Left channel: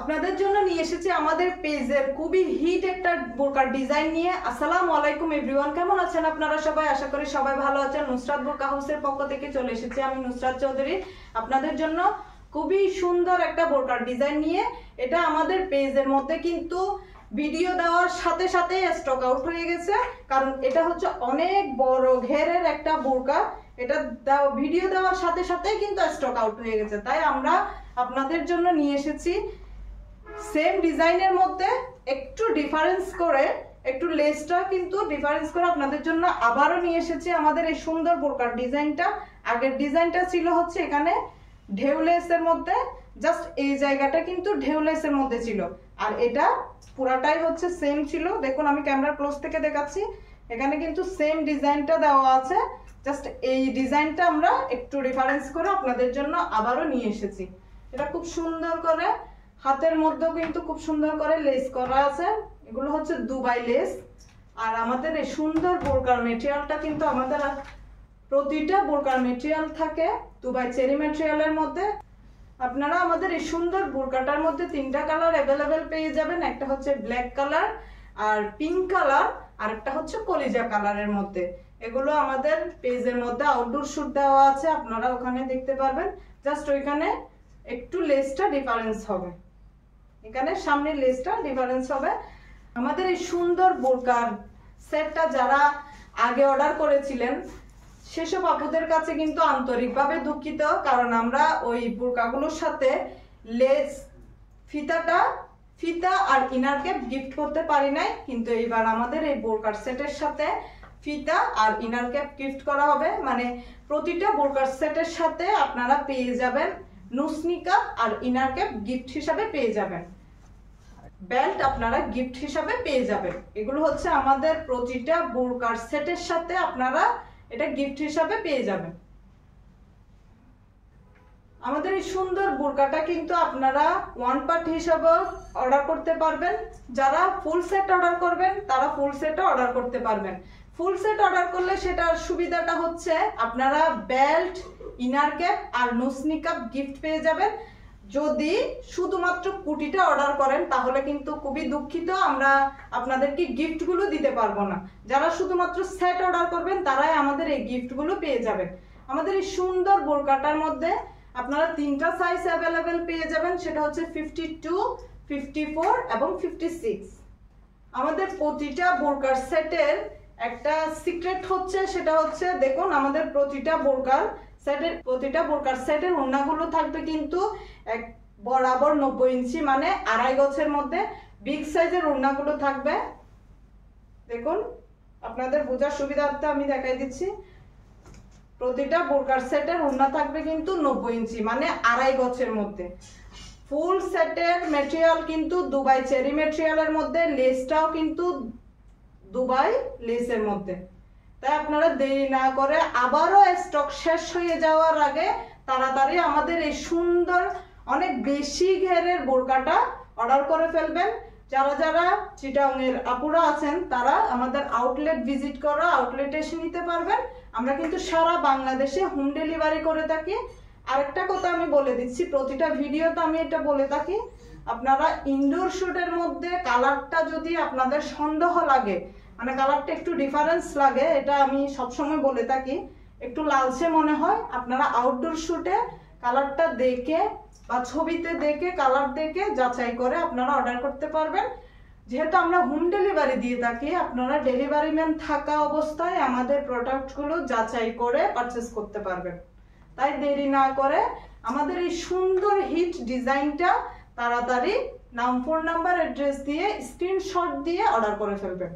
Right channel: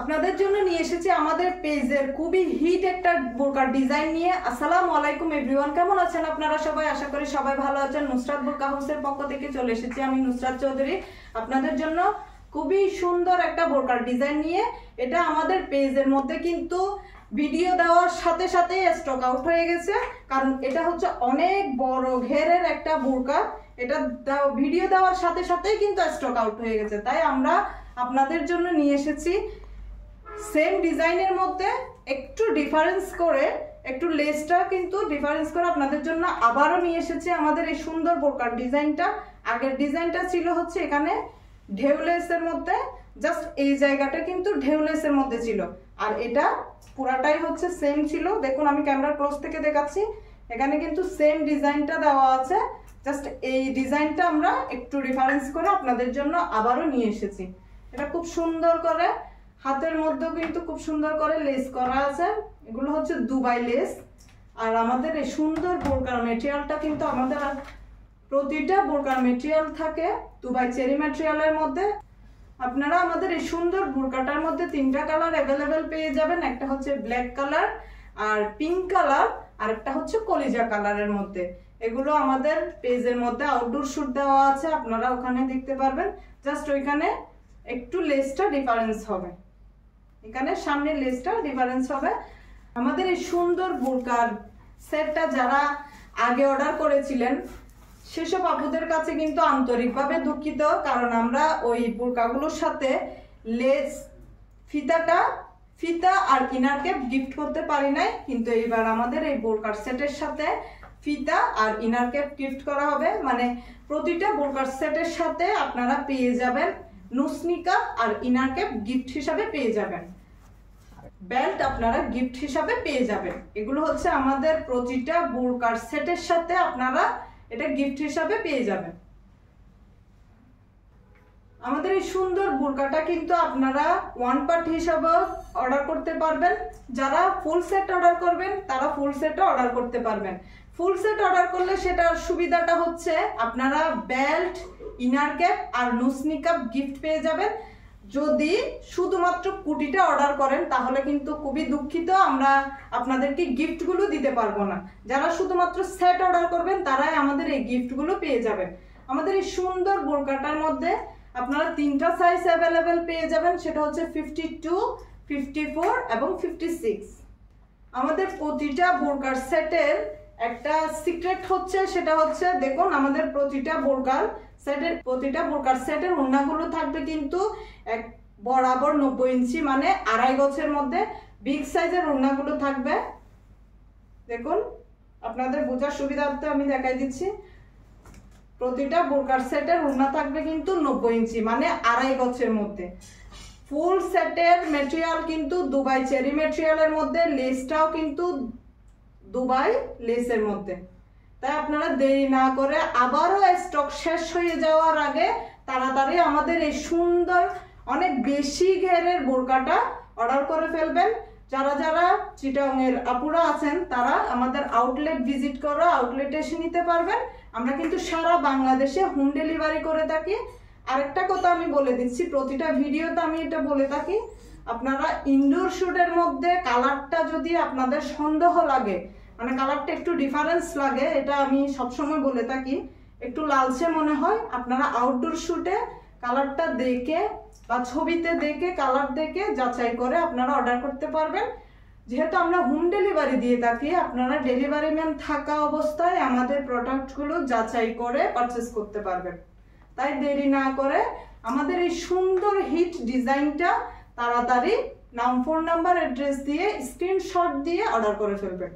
আপনাদের জন্য নিয়ে এসেছি আমাদের পেজের খুবই হিট একটা বোরকার ডিজাইন নিয়ে। আসসালামু আলাইকুম এভরিওয়ান, কেমন আছেন আপনারা সবাই? আশা করি সবাই ভালো আছেন। নুসরাত বোরকা হাউসের পক্ষ থেকে চলে এসেছি আমি নুসরাত চৌধুরী আপনাদের জন্য খুবই সুন্দর একটা বোরকার ডিজাইন নিয়ে। এটা আমাদের পেজের মধ্যে কিন্তু ভিডিও দেওয়ার সাথে সাথে স্টক আউট হয়ে গেছে, কারণ এটা হচ্ছে অনেক বড় ঘেরের একটা বোরকা। এটা ভিডিও দেওয়ার সাথে সাথেই কিন্তু স্টক আউট হয়ে গেছে, তাই আমরা আপনাদের জন্য নিয়ে এসেছি সেম ডিজাইনের মধ্যে একটু ডিফারেন্স করে, একটু লেসটা কিন্তু ডিফারেন্স করে আপনাদের জন্য আবারও নিয়ে এসেছি আমাদের এই সুন্দর বোরকার ডিজাইনটা। আগের ডিজাইনটা ছিল হচ্ছে এখানে ঢেউ লেসের মধ্যে, জাস্ট এই জায়গাটা কিন্তু ঢেউ লেসের মধ্যে ছিল, আর এটা পুরাটাই হচ্ছে সেম ছিল। দেখুন আমি ক্যামেরা ক্লোজ থেকে দেখাচ্ছি, এখানে কিন্তু সেম ডিজাইনটা দেওয়া আছে, জাস্ট এই ডিজাইনটা আমরা একটু ডিফারেন্স করে আপনাদের জন্য আবারও নিয়ে এসেছি। এটা খুব সুন্দর করে হাতের মধ্যেও কিন্তু খুব সুন্দর করে লেস করা আছে, এগুলো হচ্ছে দুবাই লেস। আর আমাদের এই সুন্দর বোরকার মেটেরিয়ালটা কিন্তু আমাদের প্রতিটা বোরকার মেটেরিয়াল থাকে দুবাই চেরি মেটেরিয়ালের মধ্যে। আপনারা আমাদের এই সুন্দর বোরকাটার মধ্যে তিনটা কালার অ্যাভেলেবেল পেয়ে যাবেন, একটা হচ্ছে ব্ল্যাক কালার, আর পিঙ্ক কালার, আর একটা হচ্ছে কলিজা কালারের মধ্যে। এগুলো আমাদের পেজের মধ্যে আউটডোর শুট দেওয়া আছে, আপনারা ওখানে দেখতে পারবেন। জাস্ট ওইখানে একটু লেসটা ডিফারেন্স হবে, এখানে সামনে লেসটা ডিফারেন্স হবে। আমাদের এই সুন্দর বোরকার সেটটা যারা আগে অর্ডার করেছিলেন সেসব আপুদের কাছে কিন্তু আন্তরিকভাবে দুঃখিত, কারণ আমরা ওই বোরকাগুলোর সাথে লেস ফিতা আর ইনার ক্যাপ গিফট করতে পারি নাই, কিন্তু এইবার আমাদের এই বোরকার সেটের সাথে ফিতা আর ইনার ক্যাপ গিফট করা হবে। মানে প্রতিটা বোরকার সেটের সাথে আপনারা পেয়ে যাবেন নুসনিকা আর ইনার ক্যাপ গিফট হিসাবে পেয়ে যাবেন, বেল্ট আপনারা গিফট হিসাবে পেয়ে যাবেন। এগুলো হচ্ছে আমাদের প্রতিটা বোরকার সেটের সাথে আপনারা এটা গিফট হিসাবে পেয়ে যাবেন। আমাদের এই সুন্দর বোরকাটা কিন্তু আপনারা ওয়ান পার্ট হিসাবে অর্ডার করতে পারবেন, যারা ফুল সেট অর্ডার করবেন তারা ফুল সেটও অর্ডার করতে পারবেন। ফুল সেট অর্ডার করলে সেটার সুবিধাটা হচ্ছে আপনারা বেল্ট, ইনার ক্যাপ আর নুসনিকা গিফট পেয়ে যাবেন। যদি শুধুমাত্র কুটিটা অর্ডার করেন তাহলে কিন্তু খুবই দুঃখিত, আমরা আপনাদেরকে গিফটগুলো দিতে পারবো না। যারা শুধুমাত্র সেট অর্ডার করবেন তারাই আমাদের এই গিফটগুলো পেয়ে যাবেন। আমাদের এই সুন্দর বোরকাটার মধ্যে আপনারা তিনটা সাইজ অ্যাভেলেবেল পেয়ে যাবেন, সেটা হচ্ছে 52, 54 এবং 56। আমাদের প্রতিটা বোরকার সেটের একটা সিক্রেট হচ্ছে, সেটা হচ্ছে দেখুন আমাদের প্রতিটা বোরকার সেটের ওড়নাগুলো থাকবে কিন্তু এক বরাবর 90 ইঞ্চি, মানে 2.5 গজের মধ্যে বিগ সাইজের ওড়নাগুলো থাকবে। দেখুন আপনাদের বোঝার সুবিধার্থে আমি দেখাই দিচ্ছি, প্রতিটা বোরকার সেটের ওড়না থাকবে কিন্তু 90 ইঞ্চি, মানে 2.5 গজের মধ্যে। ফুল সেটের মেটেরিয়াল কিন্তু দুবাই চেরি মেটেরিয়ালের মধ্যে, লেসটাও কিন্তু দুবাই লেসের মধ্যে। তাই আপনারা দেরি না করে আবারও স্টক শেষ হয়ে যাওয়ার আগে তাড়াতাড়ি আমাদের এই সুন্দর অনেক বেশি ঘেরের বোরকাটা অর্ডার করে ফেলবেন। যারা যারা চিটাংয়ের আপুরা আছেন তারা আমাদের আউটলেট ভিজিট করে আউটলেটে এসে নিতে পারবেন। আমরা কিন্তু সারা বাংলাদেশে হোম ডেলিভারি করে থাকি। আরেকটা কথা আমি বলে দিচ্ছি, প্রতিটা ভিডিওতে আমি এটা বলে থাকি, আপনারা ইনডোর শুটের মধ্যে কালারটা যদি আপনাদের সন্দেহ লাগে, মানে কালারটা একটু ডিফারেন্স লাগে, এটা আমি সবসময় বলে থাকি, একটু লালচে মনে হয়, আপনারা আউটডোর শুটে কালারটা দেখে বা ছবিতে দেখে কালার দেখে যাচাই করে আপনারা অর্ডার করতে পারবেন। যেহেতু আমরা হোম ডেলিভারি দিয়ে থাকি, আপনারা ডেলিভারি ম্যান থাকা অবস্থায় আমাদের প্রোডাক্টগুলো যাচাই করে পারচেস করতে পারবেন। তাই দেরি না করে আমাদের এই সুন্দর হিট ডিজাইনটা তাড়াতাড়ি নাম, ফোন নাম্বার, অ্যাড্রেস দিয়ে স্ক্রিনশট দিয়ে অর্ডার করে ফেলবেন।